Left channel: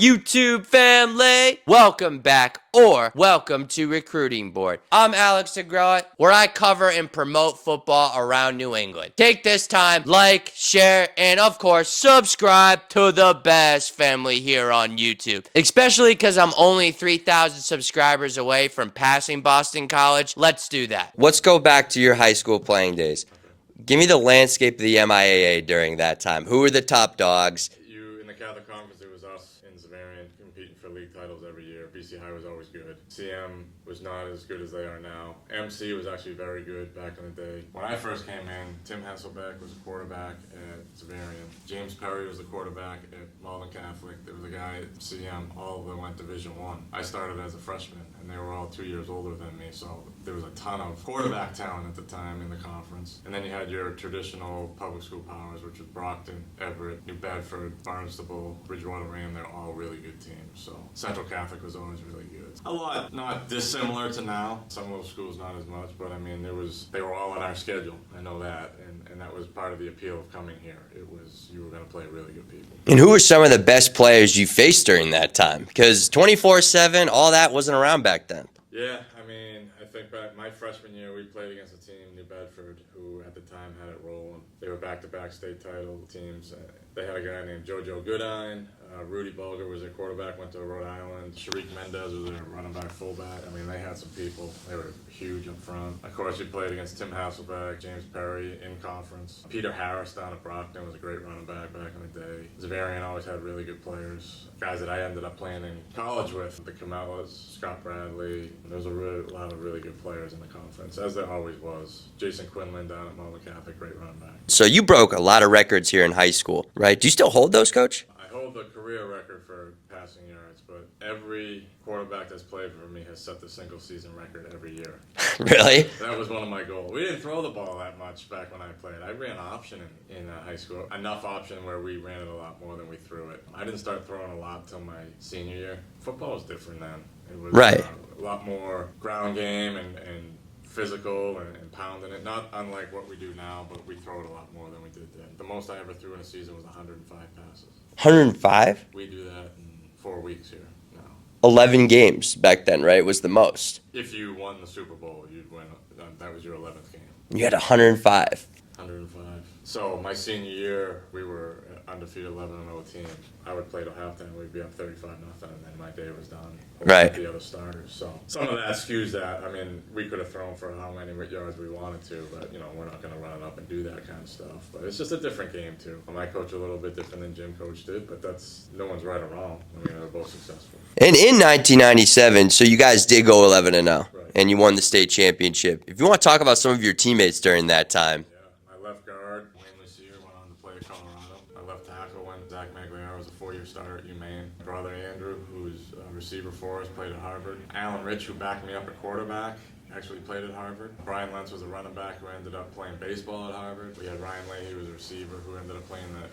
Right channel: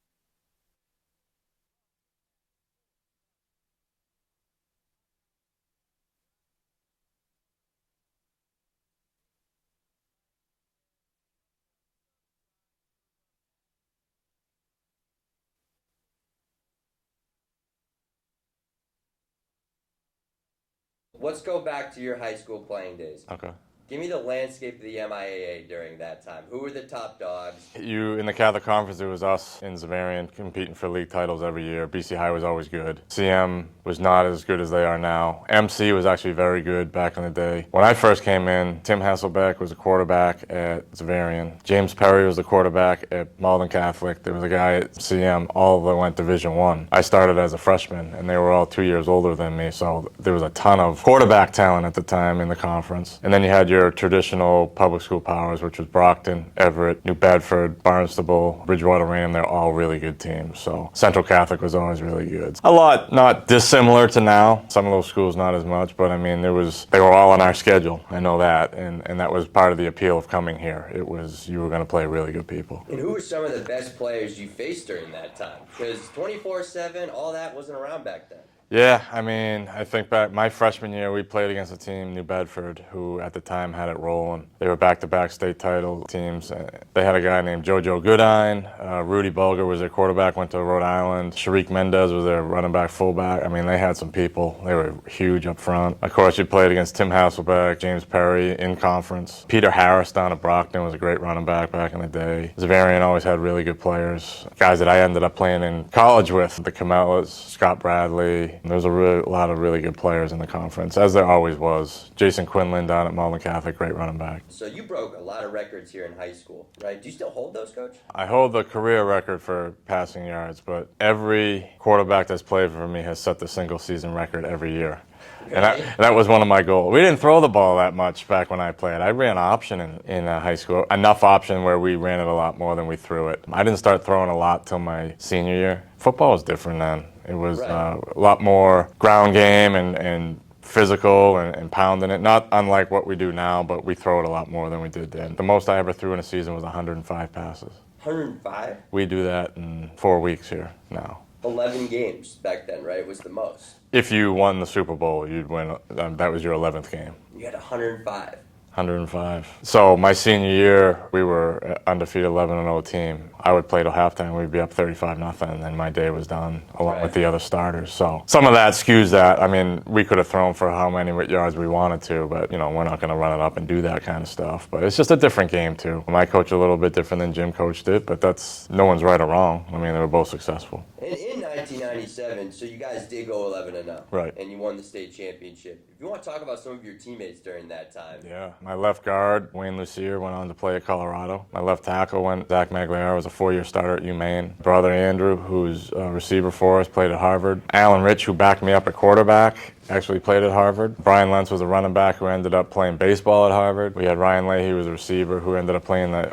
YouTube family. Welcome back or welcome to Recruiting Board. I'm Alex DeGraw, where I cover and promote football around New England. Take this time, like, share, and of course, subscribe to the best family here on YouTube. Especially because I'm only 3,000 subscribers away from passing Boston College. Let's do that. Let's go back to your high school playing days. Okay. Give me the landscape of the MIAA during that time. Who were the top dogs? In the Catholic Conference, it was us in Xaverian competing for league titles every year. BC High was always good. CM was not as good as they are now. MC was actually very good back in the day. When I first came in, Tim Hasselbeck was a quarterback at Xaverian. James Perry was the quarterback at Malden Catholic. There was a guy at CM. All of them went Division I. I started as a freshman, and they were all 2 years older than me, so there was a ton of quarterback talent at the time in the conference. And then you had your traditional public school powers, which was Brockton, Everett, New Bedford, Barnstable, Bridgewater Ram. They're all really good teams. So Central Catholic was always really good. A lot not dissimilar to now. Some of those schools not as much, but I mean, they were all on our schedule. I know that, and that was part of the appeal of coming here. It was you were going to play really good people. And who were some of the best players you faced during that time? Because 24/7, all that wasn't around back then. Yeah, I mean, I think back my freshman year, we played against a team, New Bedford, who at the time had it rolling. They were back-to-back state title teams. They had a guy named JoJo Goodine. Rudy Bulger was their quarterback, went to Rhode Island. Sharik Mendez was their running back, fullback. I mean, they had some people. They were huge up front. Of course, you played against Tim Hasselbeck, James Perry in conference. Peter Harris down at Brockton was a great running back in the day. Xaverian always had really good players. Guys that I ended up playing in college with, the Camellas, Scott Bradley. There's a lot of really good players in the conference, as there always was. Jason Quinlan down at Malden Catholic, great running back. So you broke a lot of records here in high school, right? Do you still hold those, Coach? I hold the career record for passing yards, but every quarterback that's played for me has set the single season record every year. Really? That was one of my goals. We didn't throw the ball that much back when I played. I ran option in high school, enough option where we ran it a lot more than we threw it. I didn't start throwing a lot till my senior year. Football was different then. It was right. A lot more ground game and physical and pounding it. Not unlike what we do now, but we throw it a lot more than we did then. The most I ever threw in a season was 105 passes. 105? We do that in 4 weeks here now. 11 games back then, right, was the most. If you won the Super Bowl, you'd win. That was your 11th game. You had 105. 105. So my senior year, we were undefeated 11-0 team. I would play till halftime. We'd be up 35-0, and then my day was done along with the other starters. So some of that skews that. I mean, we could have thrown for how many yards we wanted to, but, we're not going to run it up and do that kind of stuff. But it's just a different game, too. My coach a little bit different than Jim coached it, but no one's right or wrong. I mean, they were both successful. And in 1997, so you guys did go 11-0. Right. And you won the state championship. If you want to talk about some of your teammates during that time. Yeah. My left guard, Wayne Lucier, went on to play at Colorado. My left tackle, Zach Magliaro, was a 4-year starter at UMaine. Brother Andrew, who's a receiver for us, played at Harvard. Alan Rich, who backed me up at quarterback, actually played at Harvard. Brian Lentz was a running back who ended up playing baseball at Harvard. We had Ryan Leahy, who was a receiver, who ended up playing the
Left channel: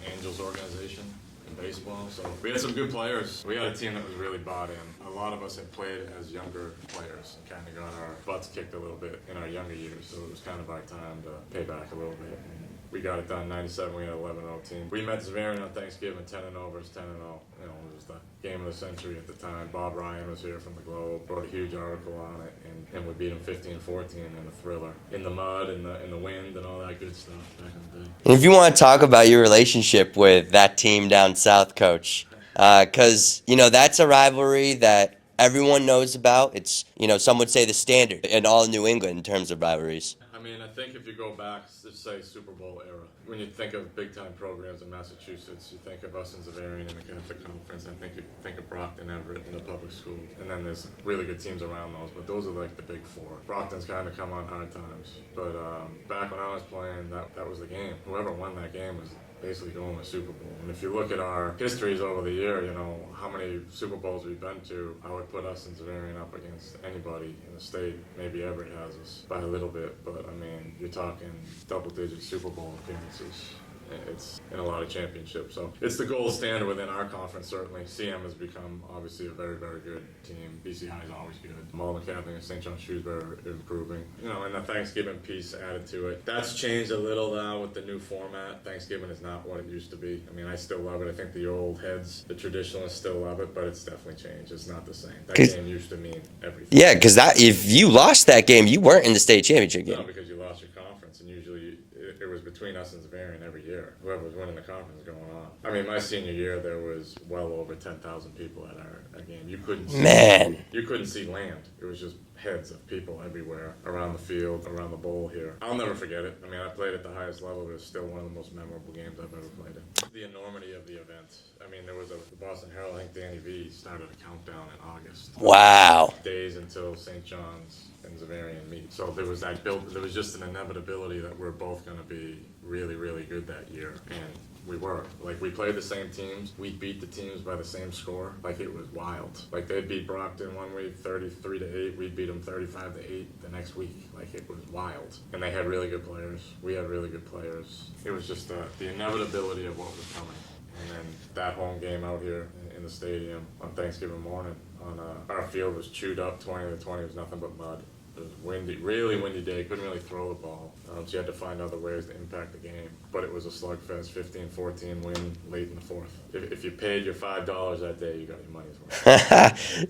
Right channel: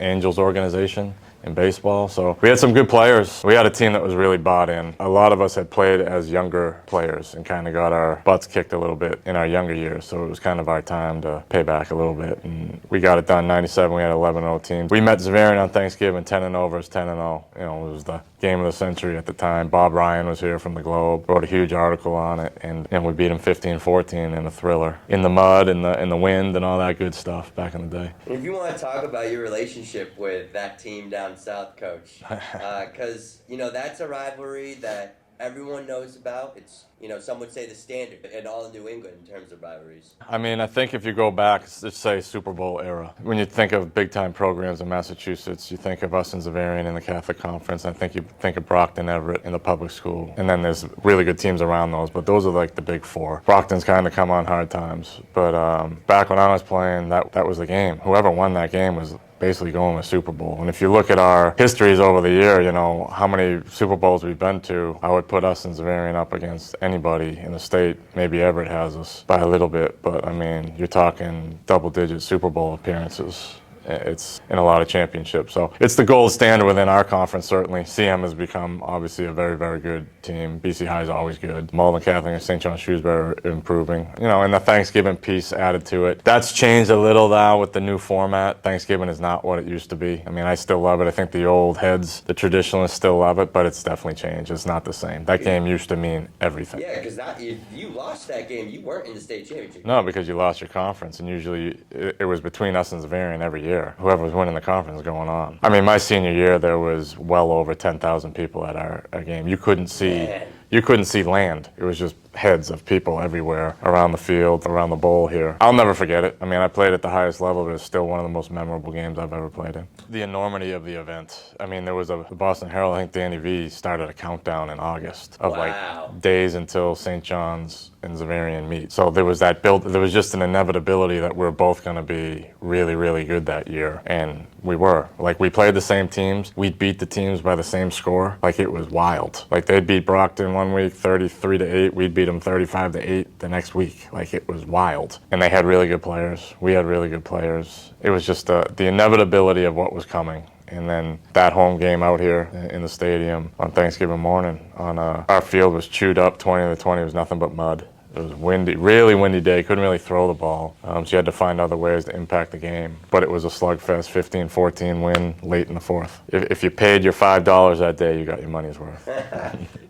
Angels organization in baseball. So we had some good players. We had a team that was really bought in. A lot of us had played as younger players and kind of got our butts kicked a little bit in our younger years. So it was kind of our time to pay back a little bit. And we got it done. 97, we had an 11-0 team. We met Xaverian on Thanksgiving, 10-0 versus 10-0. It was the game of the century at the time. Bob Ryan was here from the Globe, wrote a huge article on it, and we beat him 15-14 in a thriller. In the mud, in the wind, and all that good stuff back in the day. And if you want to talk about your relationship with that team down south, Coach, because, that's a rivalry that everyone knows about. It's, some would say the standard in all New England in terms of rivalries. I mean, I think if you go back, let's say Super Bowl era, when you think of big-time programs in Massachusetts, you think of us in Xaverian in the Catholic Conference. I think you think of Brockton, Everett in the public school. And then there's really good teams around those, but those are like the big four. Brockton's kind of come on hard times. But back when I was playing, that was the game. Whoever won that game was basically going to Super Bowl. And if you look at our histories over the year, how many Super Bowls we've been to, I would put us in Xaverian up against anybody in the state. Maybe Everett has us by a little bit, but I mean, you're talking double-digit Super Bowl appearances. It's in a lot of championships. So it's the gold standard within our conference, certainly. CM has become, obviously, a very, very good team. BC High is always good. Malden Catholic and St. John Shrewsbury are improving. And the Thanksgiving piece added to it. That's changed a little now with the new format. Thanksgiving is not what it used to be. I mean, I still love it. I think the old heads, the traditionalists still love it, but it's definitely changed. It's not the same. That game used to mean everything. Yeah, because if you lost that game, you weren't in the state championship game. No, because you lost your conference, and usually it was between us and Xaverian every year. Whoever was winning the conference was going on. I mean, my senior year, there was well over 10,000 people at our game. You couldn't see land. It was just heads of people everywhere around the field, around the bowl here. I'll never forget it. I mean, I played at the highest level, but it's still one of the most memorable games I've ever played in. The enormity of the event. I mean, there was the Boston Herald, I think Danny V started a countdown in August. Wow. Days until St. John's and Xaverian meet. So there was that build. There was just an inevitability that we're both going to be really, really good that year. And we were. Like, we played the same teams. We beat the teams by the same score. Like, it was wild. Like, they'd beat Brockton one week 33-8. We'd beat them 35-8 the next week. Like, it was wild. And they had really good players. We had really good players. It was just the inevitability of what was coming. And then that home game out here in the stadium on Thanksgiving morning, our field was chewed up 20-20. It was nothing but mud. It was windy, really windy day. Couldn't really throw the ball. So you had to find other ways to impact the game. But it was a slugfest, 15-14 win late in the fourth. If you paid your $5 that day, you got your money's worth.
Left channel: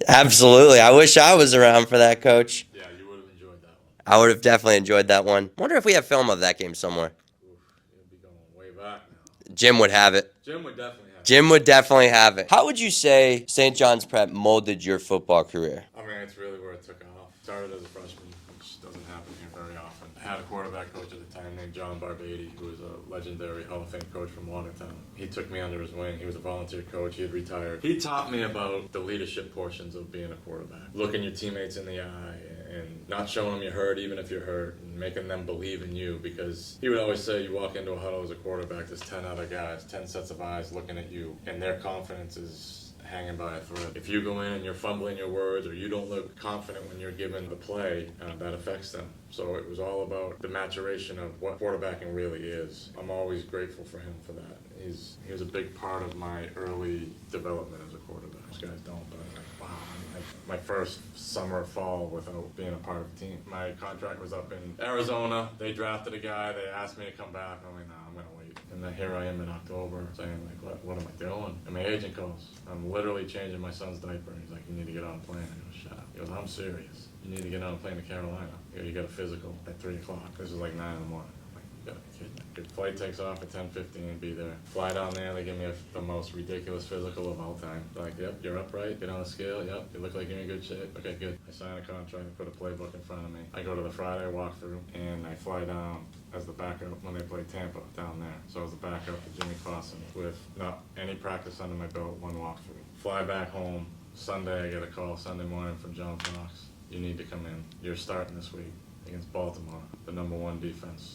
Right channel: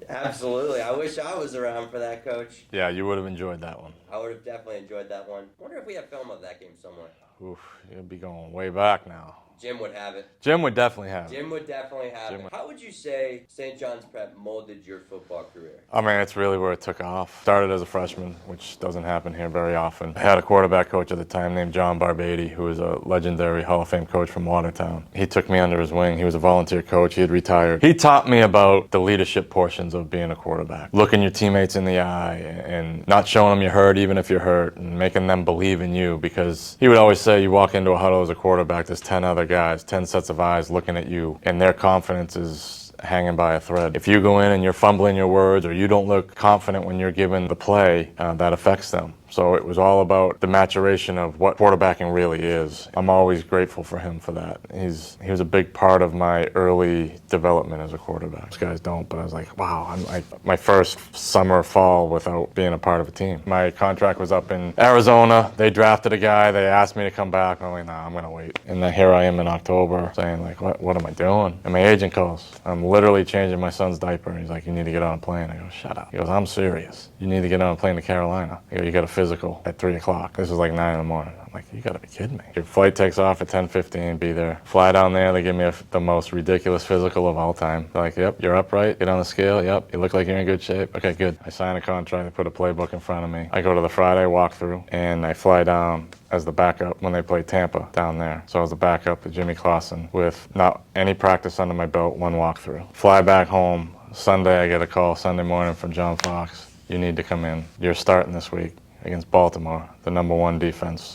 Absolutely. I wish I was around for that, Coach. Yeah, you would have enjoyed that one. I would have definitely enjoyed that one. Wonder if we have film of that game somewhere. Oof, you'd be going way back now. Jim would have it. Jim would definitely have it. Jim would definitely have it. How would you say St. John's Prep molded your football career? I mean, it's really where it took off. Started as a freshman, which doesn't happen here very often. I had a quarterback coach at the time named John Barbady, who was a legendary Hall of Fame coach from Watertown. He took me under his wing. He was a volunteer coach. He had retired. He taught me about the leadership portions of being a quarterback. Looking your teammates in the eye and not showing them you're hurt even if you're hurt, and making them believe in you, because he would always say, you walk into a huddle as a quarterback, there's 10 other guys, 10 sets of eyes looking at you, and their confidence is hanging by a thread. If you go in and you're fumbling your words, or you don't look confident when you're given the play, that affects them. So it was all about the maturation of what quarterbacking really is. I'm always grateful for him for that. He was a big part of my early development as a quarterback. These guys don't, but I was like, wow, my first summer, fall without being a part of a team. My contract was up in Arizona. They drafted a guy. They asked me to come back. I'm like, nah, I'm going to wait. And then here I am in October saying, like, what am I doing? And my agent calls. I'm literally changing my son's diaper. He's like, you need to get on a plane. I go, shut up. He goes, I'm serious. You need to get on a plane to Carolina. I go, you got a physical at 3 o'clock. This is like 9 in the morning. I'm like, you gotta be kidding me. Your flight takes off at 10:15, be there. Fly down there, they give me the most ridiculous physical of all time. They're like, yep, you're upright, get on the scale, yep, you look like you're in good shape. Okay, good. I sign a contract, they put a playbook in front of me. I go to the Friday walkthrough, and I fly down as the backup when they play Tampa down there. So I was the backup to Jimmy Clausen with not any practice under my belt, one walkthrough. Fly back home. Sunday, I get a call Sunday morning from John Fox. You need to come in. You're starting this week against Baltimore, the #1 defense